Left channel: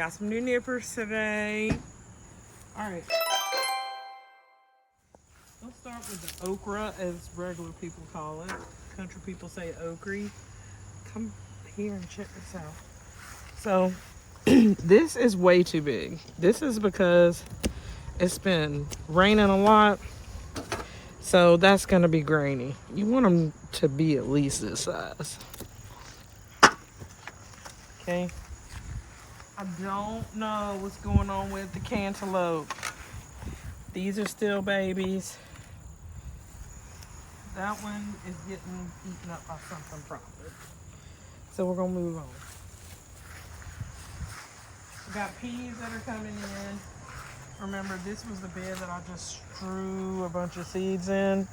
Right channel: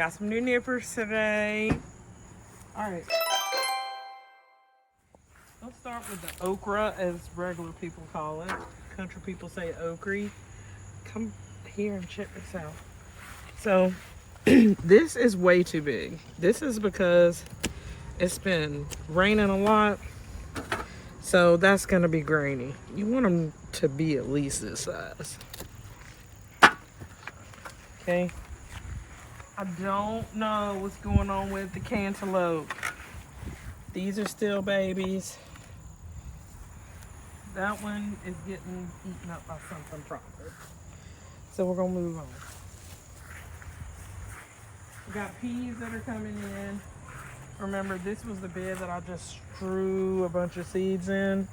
Got some new nippers today. All right. Let's start with the okra, as regular people call it. Country people say okra. Come here and check this out. So this is way too big. This is because it's been raining a lot. So that's going to be grainy. You want them to be at least this size. Okay. I don't know what's going on with the cantaloupe. These are still babies. That one is getting eaten up by something probably. So we're going to move on. We got peas that are coming in. Remember, this was the bed that I just strew a bunch of seeds in.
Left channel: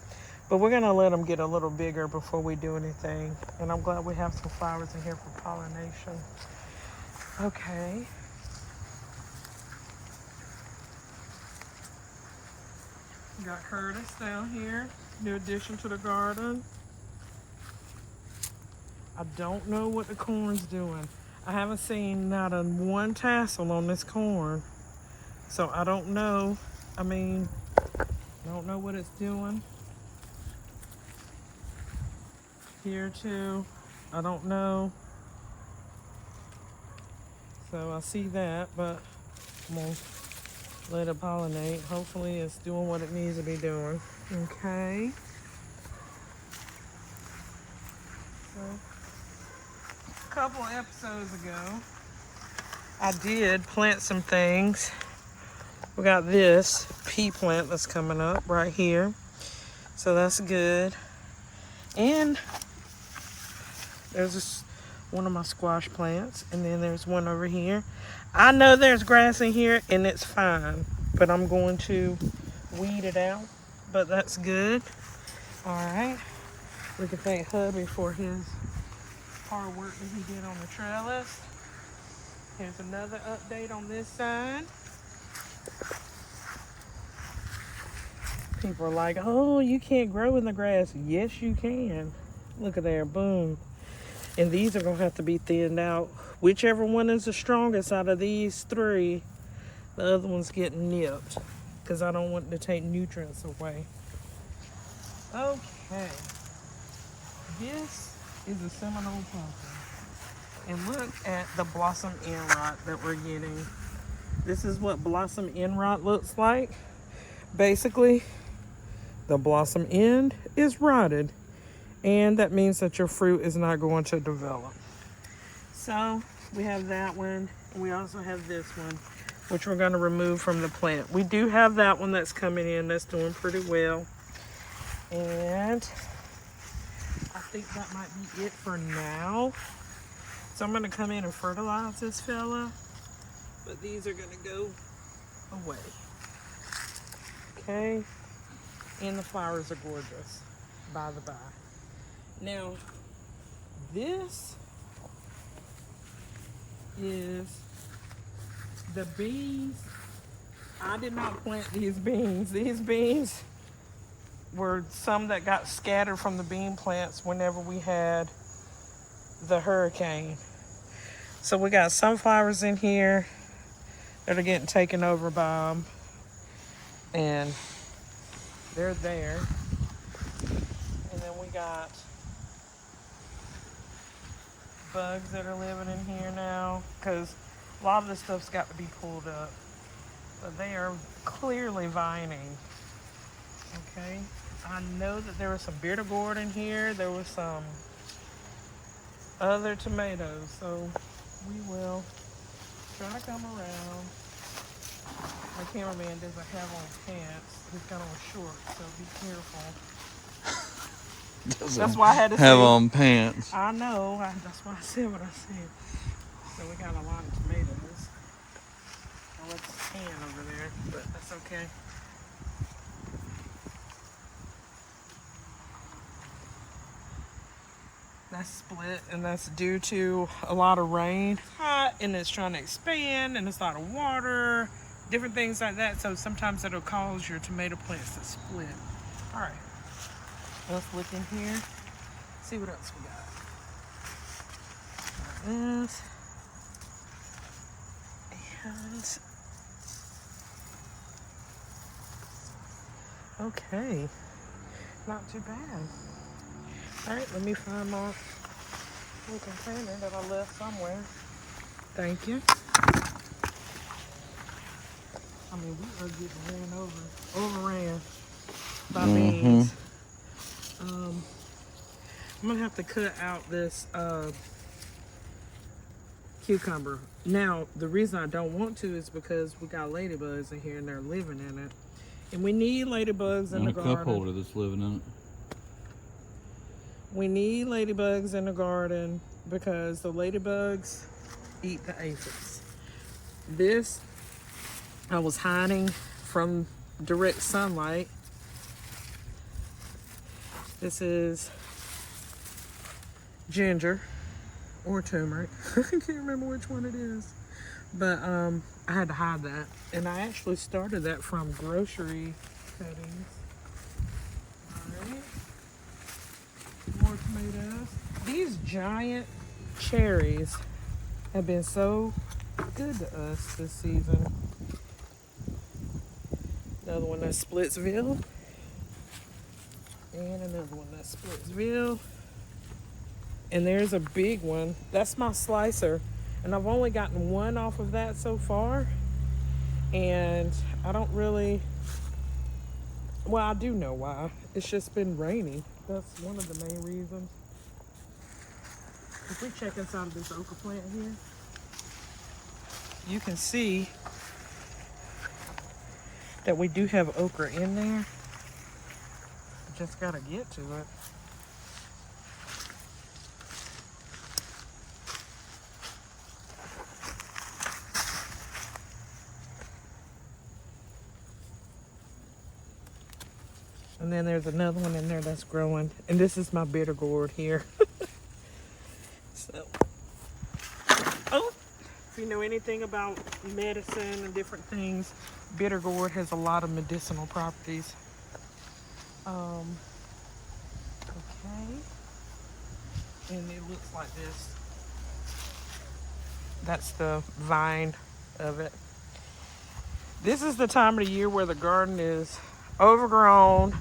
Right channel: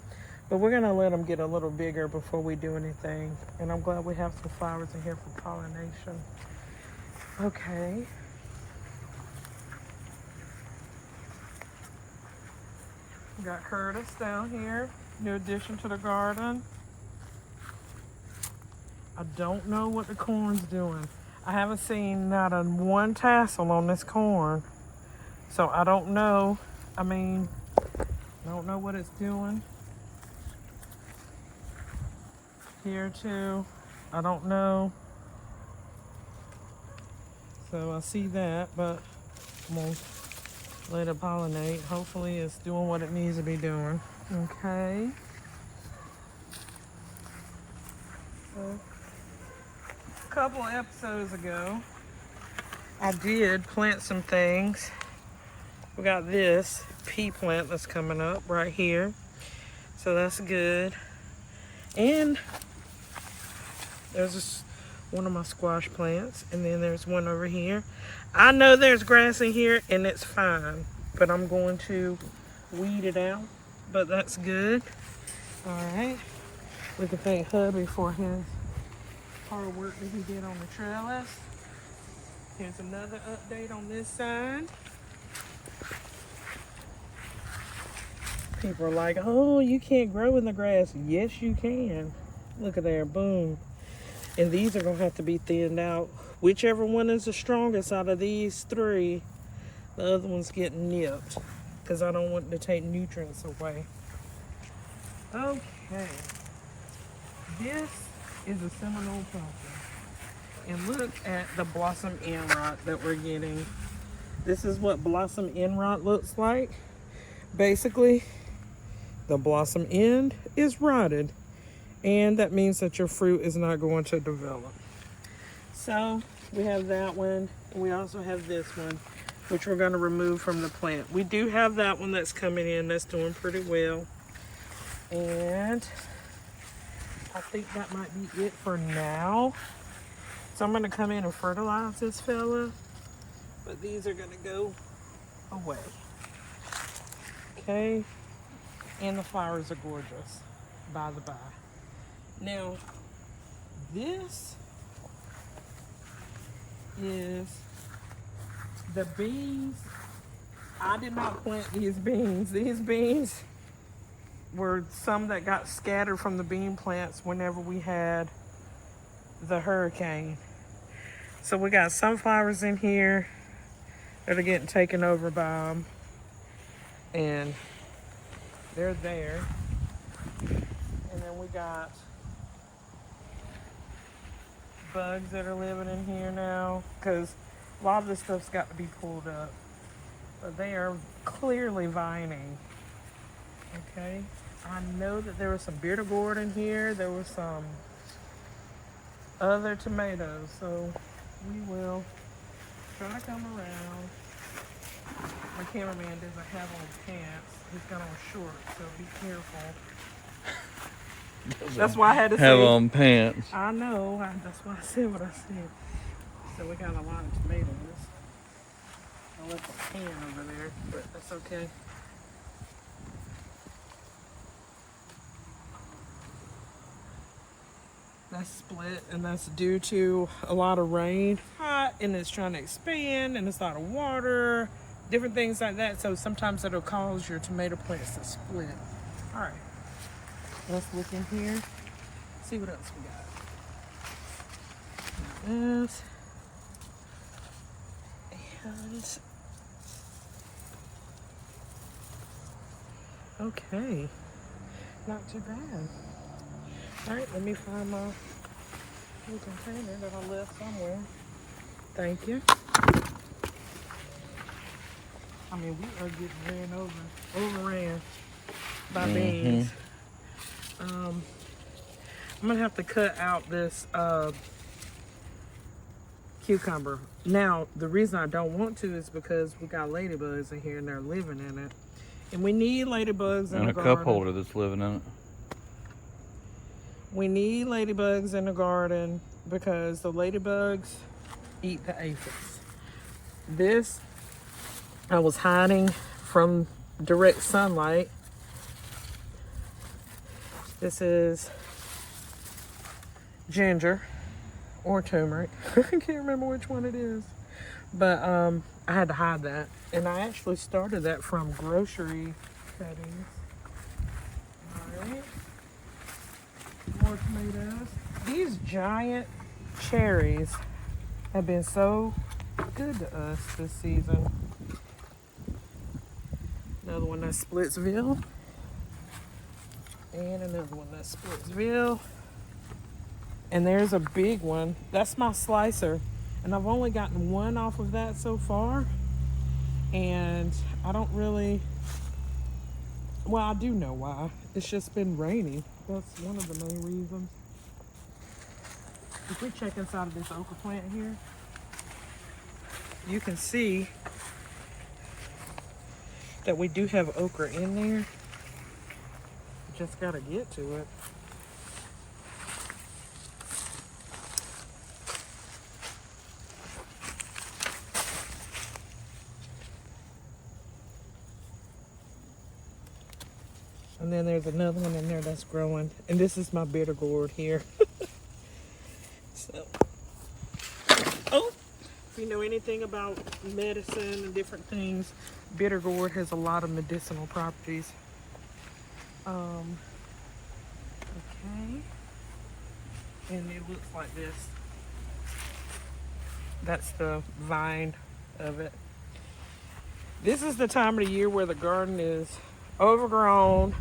But we're going to let them get a little bigger before we do anything. And I'm glad we have some flowers in here for pollination. Okay. We got Curtis down here. New addition to the garden. I don't know what the corn's doing. I haven't seen not a one tassel on this corn. So I don't know. I don't know what it's doing. Here too. I don't know. So I see that, but I'm gonna let it pollinate. Hopefully it's doing what it needs to be doing. Okay. So a couple episodes ago, I did plant some things. We got this pea plant that's coming up right here. So that's good. And there's just one of my squash plants. And then there's one over here. I know there's grass in here and it's fine. But I'm going to weed it out. But that's good. Alright. We can thank hubby for his hard work that he did on the trellis. Here's another update on this side. People are like, oh, you can't grow in the grass. Yes, you can. Look at there, boom. And these are going to have to be thinned out. Whichever one is the strongest out of these three, the other one's getting nipped. Because I don't want to take nutrients away. Okay. This is a Seminole pumpkin. And look at the blossom end rot that we're getting. This is what blossom end rot looks like. Basically, the blossom end is rotted, and that means that your fruit is not going to develop. So we have that one, and we also have this one, which we're going to remove from the plant. We do have that one that's coming in that's doing pretty well, and I think that might be it for now. So I'm going to come in and fertilize this fella, but these are going to go away. Okay, and the flowers are gorgeous, by the by. Now, this is the beans. I did not plant these beans. These beans were some that got scattered from the bean plants whenever we had the hurricane. So we got sunflowers in here that are getting taken over by them. And they're there. And then we got bugs that are living in here now, because a lot of this stuff's got to be pulled up. But they are clearly vining. Okay. I know that there was some bitter gourd in here. There was some other tomatoes. So we will try to come around. My cameraman doesn't have on pants. He's got on shorts, so be careful. That's why I had to have on pants. I know. That's why I said what I said. So we got a lot of tomatoes. I left a can over there, but that's okay. That's split, and that's due to a lot of rain. Hot, and it's trying to expand, and it's a lot of water. Different things like that, so sometimes it'll cause your tomato plants to split. All right, let's look in here, see what else we got. This. And okay, not too bad. All right, let me find my little container that I left somewhere. Thank you. I mean, we are getting overran by beans. I'm gonna have to cut out this cucumber. Now, the reason I don't want to is because we got ladybugs in here and they're living in it. And we need ladybugs in the garden. And a cup holder that's living in it. We need ladybugs in the garden because the ladybugs eat the aphids. This, I was hiding from direct sunlight. This is ginger or turmeric. I can't remember which one it is. But I had to hide that. And I actually started that from grocery cuttings. Alright. More tomatoes. These giant cherries have been so good to us this season. Another one that's Splitsville. And another one that's Splitsville. And there's a big one. That's my slicer. And I've only gotten one off of that so far. And I don't really, well, I do know why. It's just been raining. That's one of the main reasons. If you check inside of this okra plant here, you can see that we do have okra in there. Just gotta get to it. And then there's another one in there that's growing. And this is my bitter gourd here. So, oh, if you know anything about medicine and different things, bitter gourd has a lot of medicinal properties. Okay. And it looks like this. That's the vine of it. This is the time of the year where the garden is overgrown,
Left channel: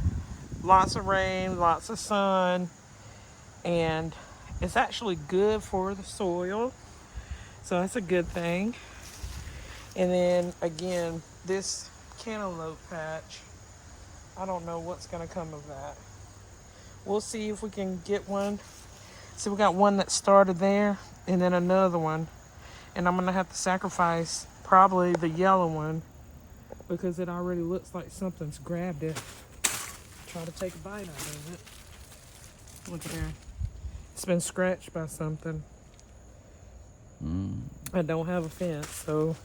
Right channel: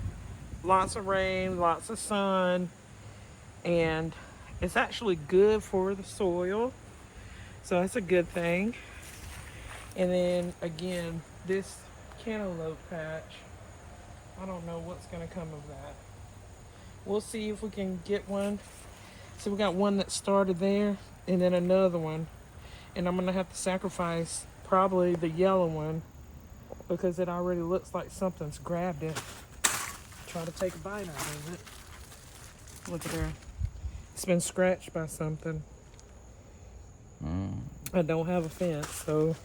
lots of rain, lots of sun, and it's actually good for the soil, so it's a good thing. And then again, this cantaloupe patch, I don't know what's going to come of that. We'll see if we can get one. So we got one that started there and then another one, and I'm going to have to sacrifice probably the yellow one because it already looks like something's grabbed it. Try to take a bite out of it. Look at there. It's been scratched by something. I don't have a fence, so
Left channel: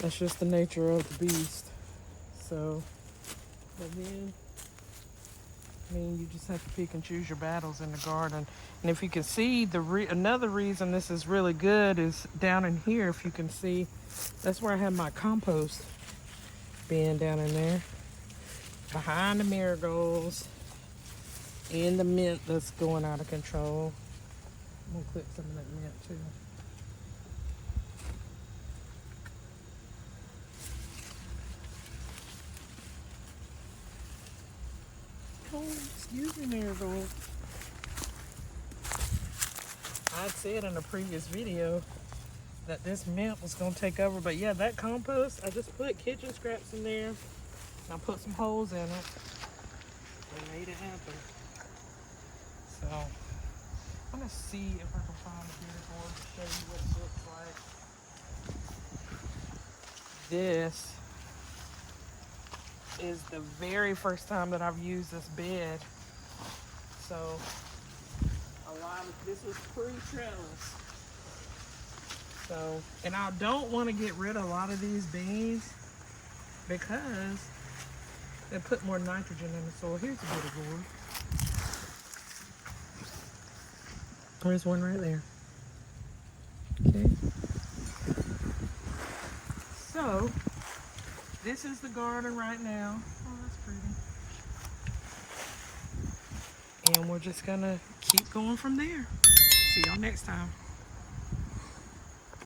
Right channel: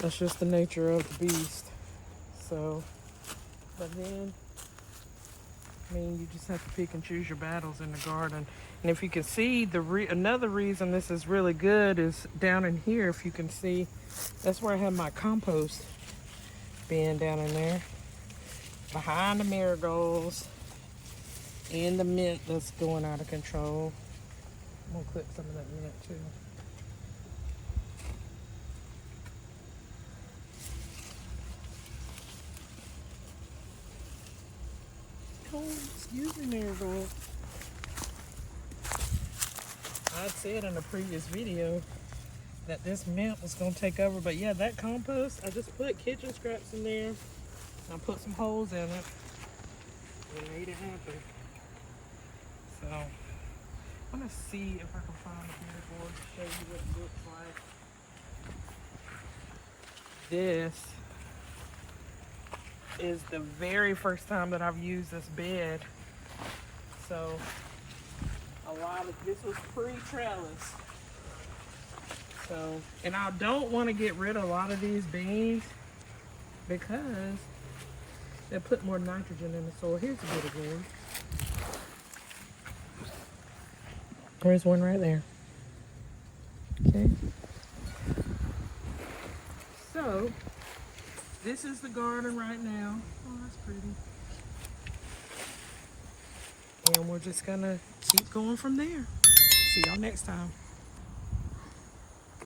that's just the nature of the beast. So, but then, I mean, you just have to pick and choose your battles in the garden. And if you can see, another reason this is really good is down in here, if you can see, that's where I have my compost bin down in there. Behind the marigolds and the mint that's going out of control. I'm gonna clip some of that mint too. Oh, excuse me, marigold. I said in a previous video that this mint was gonna take over, but yeah, that compost, I just put kitchen scraps in there. I put some holes in it and made it happen. So I'm gonna see if I can find a marigold to show you what it looks like. This is the very first time that I've used this bed. So this was pre-trellis. So, and I don't want to get rid of a lot of these beans because they put more nitrogen in the soil. Here's a bit of gourd. There's one right there. Okay. So, this is the garden right now. Oh, that's pretty. And we're just gonna keep going from there. See y'all next time.